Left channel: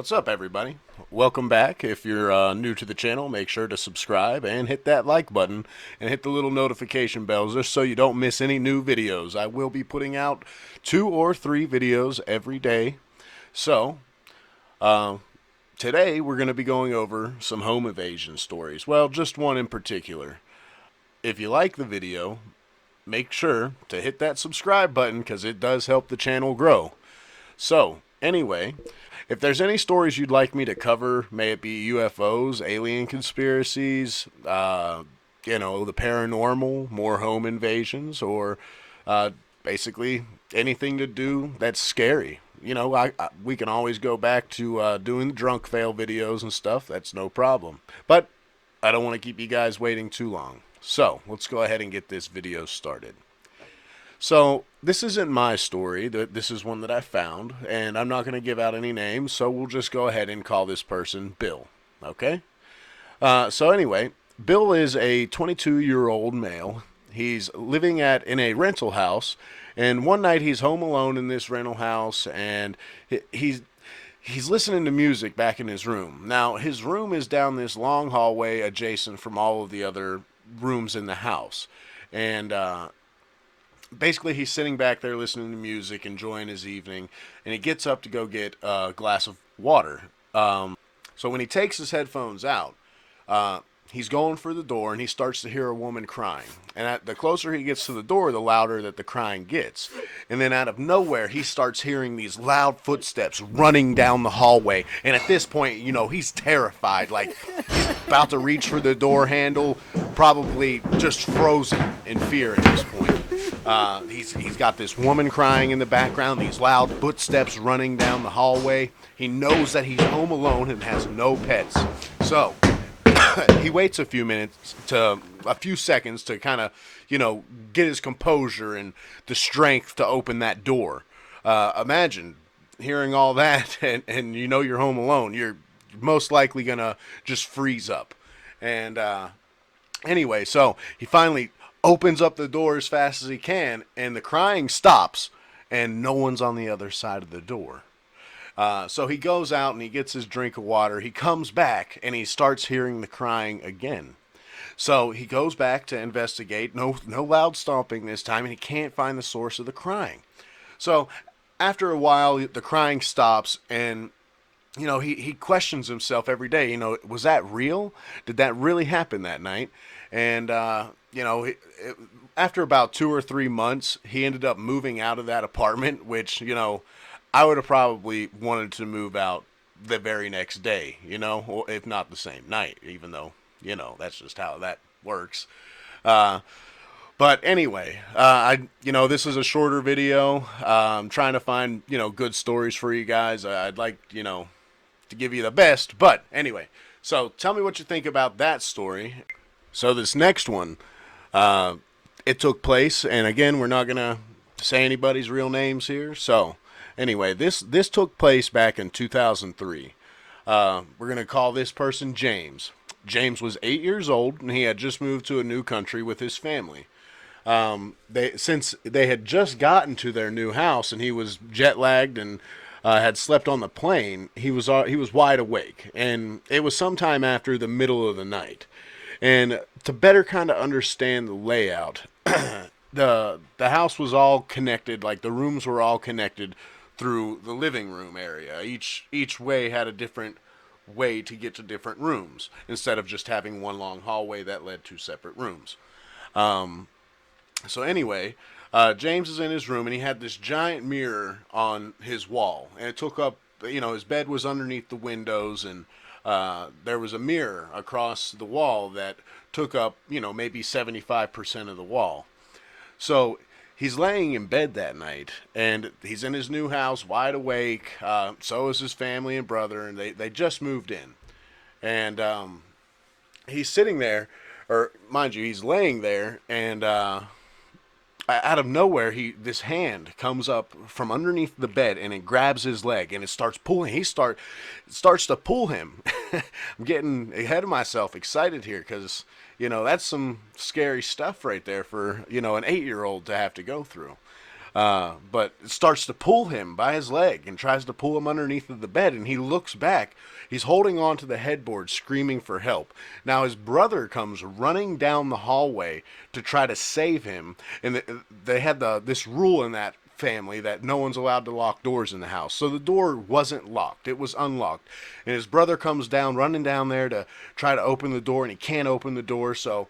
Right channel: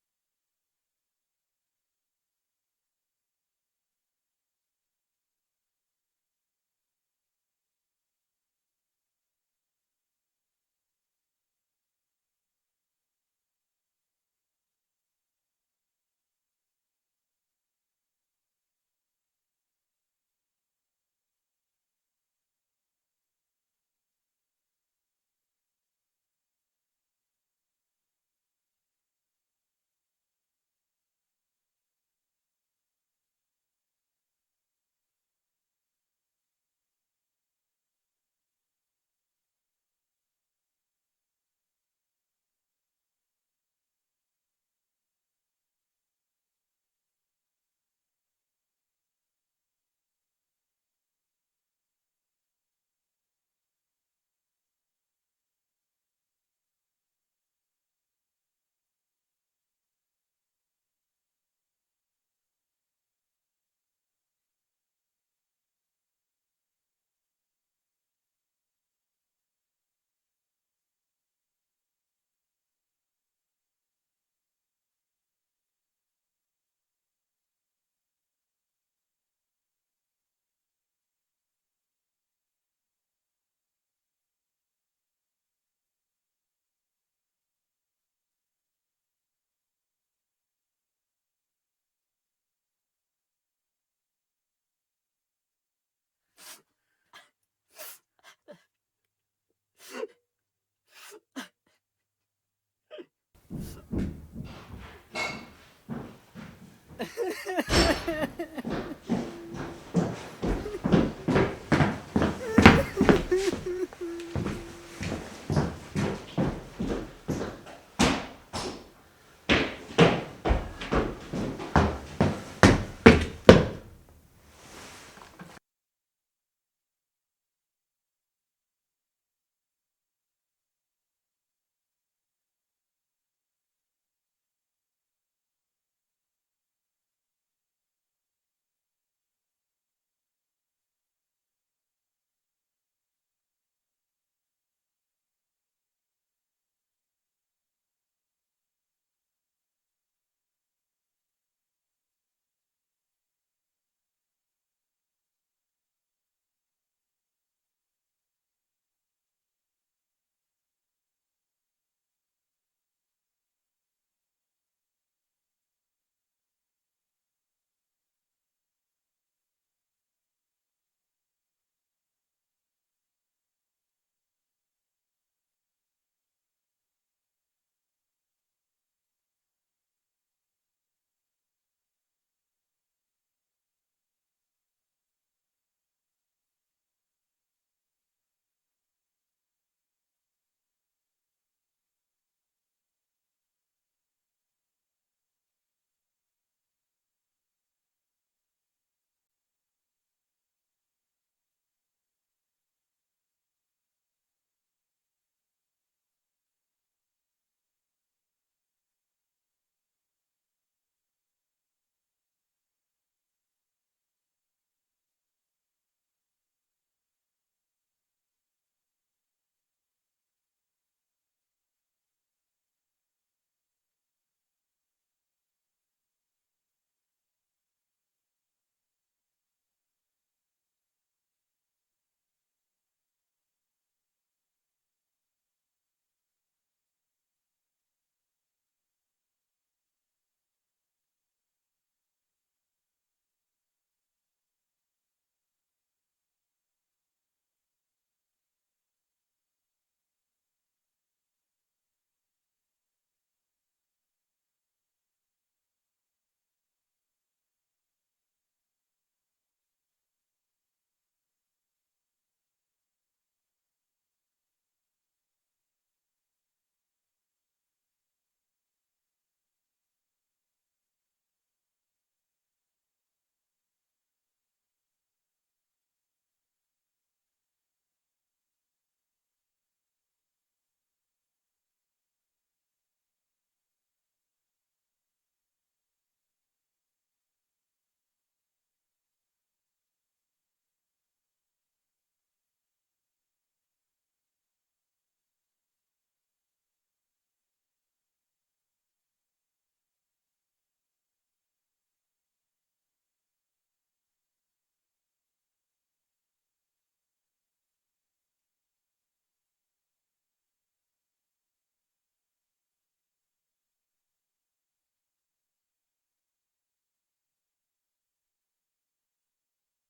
What's up, everybody? Welcome back. If you're new to the channel, make sure to subscribe and hit that like button and hit the little notification bells just so you don't miss any new videos. I will be putting out 2 or 3 videos every day. So, uh, today we're going to be going over some home invasion stories. Well, just one in particular. If you like the video, make sure to hit that subscribe button because it does help the channel grow. So, anyway, if there's any stories you'd like me to cover, may it be UFOs, alien conspiracies, the paranormal, more home invasions, or uh, basically anything to do that's scary. We can always go back to doing the drunk fail videos and stuff. That's no problem. But I don't want to keep you guys waiting too long. So let's go ahead and get this video started. So this isn't my story. This is one that I found, and I'm not going to give out any names. So we'll just go ahead and call this person Bill. Okay. So anyway, Bill is a 22-year-old male. He's living in a rental house, and one night he's home alone in this rental house, and he's listening to music back in his room. Now his room is down this long hallway adjacent from all of the other rooms in the house, and basically he's sitting back there listening to music, enjoying his evening, and he gets up to go get a glass of water. So when he takes his headphones out, he's going for the door, and he starts to hear a woman crying. And the closer he gets to the door, the louder that the crying gets. And then out of nowhere, he starts hearing these loud footsteps running down the hallway. And at this point, he's terrified, like about to reach for the door handle, probably just frozen in fear at this point. He's got this woman crying in the background, these loud footsteps running down the hallway. He knows that he's home alone and has no pets. So he waits a few seconds to kind of, get his composure and the strength to open that door. Imagine hearing all that and you're home alone. You're most likely going to just freeze up. And anyway, so he finally opens up the door as fast as he can, and the crying stops, and no one's on the other side of the door. So he goes out and he gets his drink of water. He comes back and he starts hearing the crying again. So he goes back to investigate. No loud stomping this time, and he can't find the source of the crying. So after a while, the crying stops, and he questions himself every day. Was that real? Did that really happen that night? And after about 2 or 3 months, he ended up moving out of that apartment, which I would have probably wanted to move out the very next day, or if not the same night, even though, that's just how that works. But anyway, this is a shorter video. I'm trying to find, good stories for you guys. I'd like, to give you the best. But anyway, so tell me what you think about that story. So this next one, it took place, and again, we're not going to say anybody's real names here. So anyway, this took place back in 2003. We're going to call this person James. James was 8 years old, and he had just moved to a new country with his family. Since they had just gotten to their new house, and he was jet lagged and had slept on the plane, he was wide awake, and it was sometime after the middle of the night. And to better kind of understand the layout, the house was all connected, like the rooms were all connected through the living room area. Each way had a different way to get to different rooms, instead of just having one long hallway that led to separate rooms. So anyway, James is in his room, and he had this giant mirror on his wall, and it took up, his bed was underneath the windows, and there was a mirror across the wall that took up, maybe 75% of the wall. So he's laying in bed that night, and he's in his new house, wide awake. So is his family and brother, and they just moved in. And he's sitting there, or mind you, he's laying there, and out of nowhere, this hand comes up from underneath the bed, and it grabs his leg, and it starts pulling. Starts to pull him. I'm getting ahead of myself, excited here, because that's some scary stuff right there for an 8-year-old to have to go through. But it starts to pull him by his leg and tries to pull him underneath of the bed. And he looks back. He's holding on to the headboard, screaming for help. Now his brother comes running down the hallway to try to save him. And they had this rule in that family that no one's allowed to lock doors in the house. So the door wasn't locked. It was unlocked. And his brother comes down, running down there to try to open the door, and he can't open the door. So,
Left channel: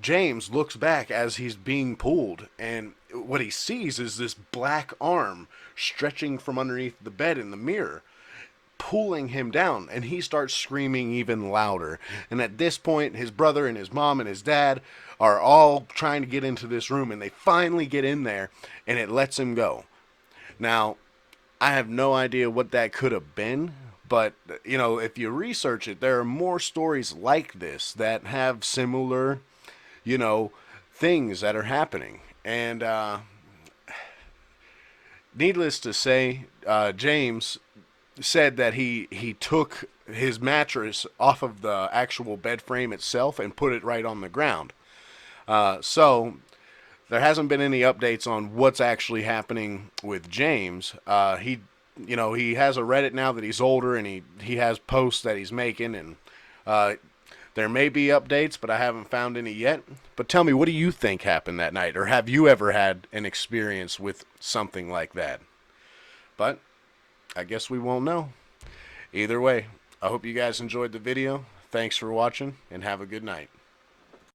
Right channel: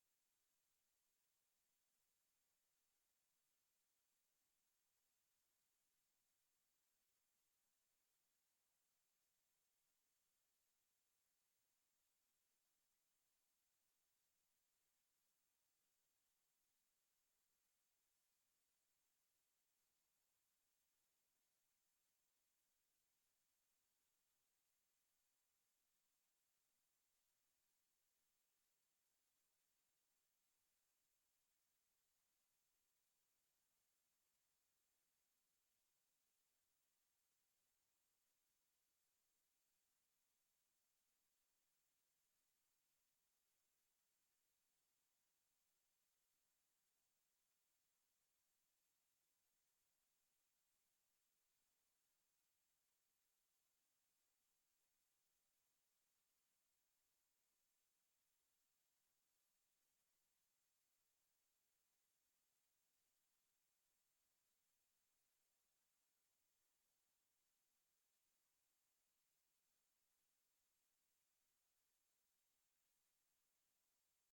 James looks back as he's being pulled, and what he sees is this black arm stretching from underneath the bed in the mirror, pulling him down, and he starts screaming even louder. And at this point, his brother and his mom and his dad are all trying to get into this room, and they finally get in there, and it lets him go. Now, I have no idea what that could have been, but if you research it, there are more stories like this that have similar, you know, things that are happening. And needless to say, James said that he took his mattress off of the actual bed frame itself and put it right on the ground. So there hasn't been any updates on what's actually happening with James. He has a Reddit now that he's older, and he has posts that he's making, and there may be updates, but I haven't found any yet. But tell me, what do you think happened that night, or have you ever had an experience with something like that? But I guess we won't know. Either way, I hope you guys enjoyed the video. Thanks for watching, and have a good night.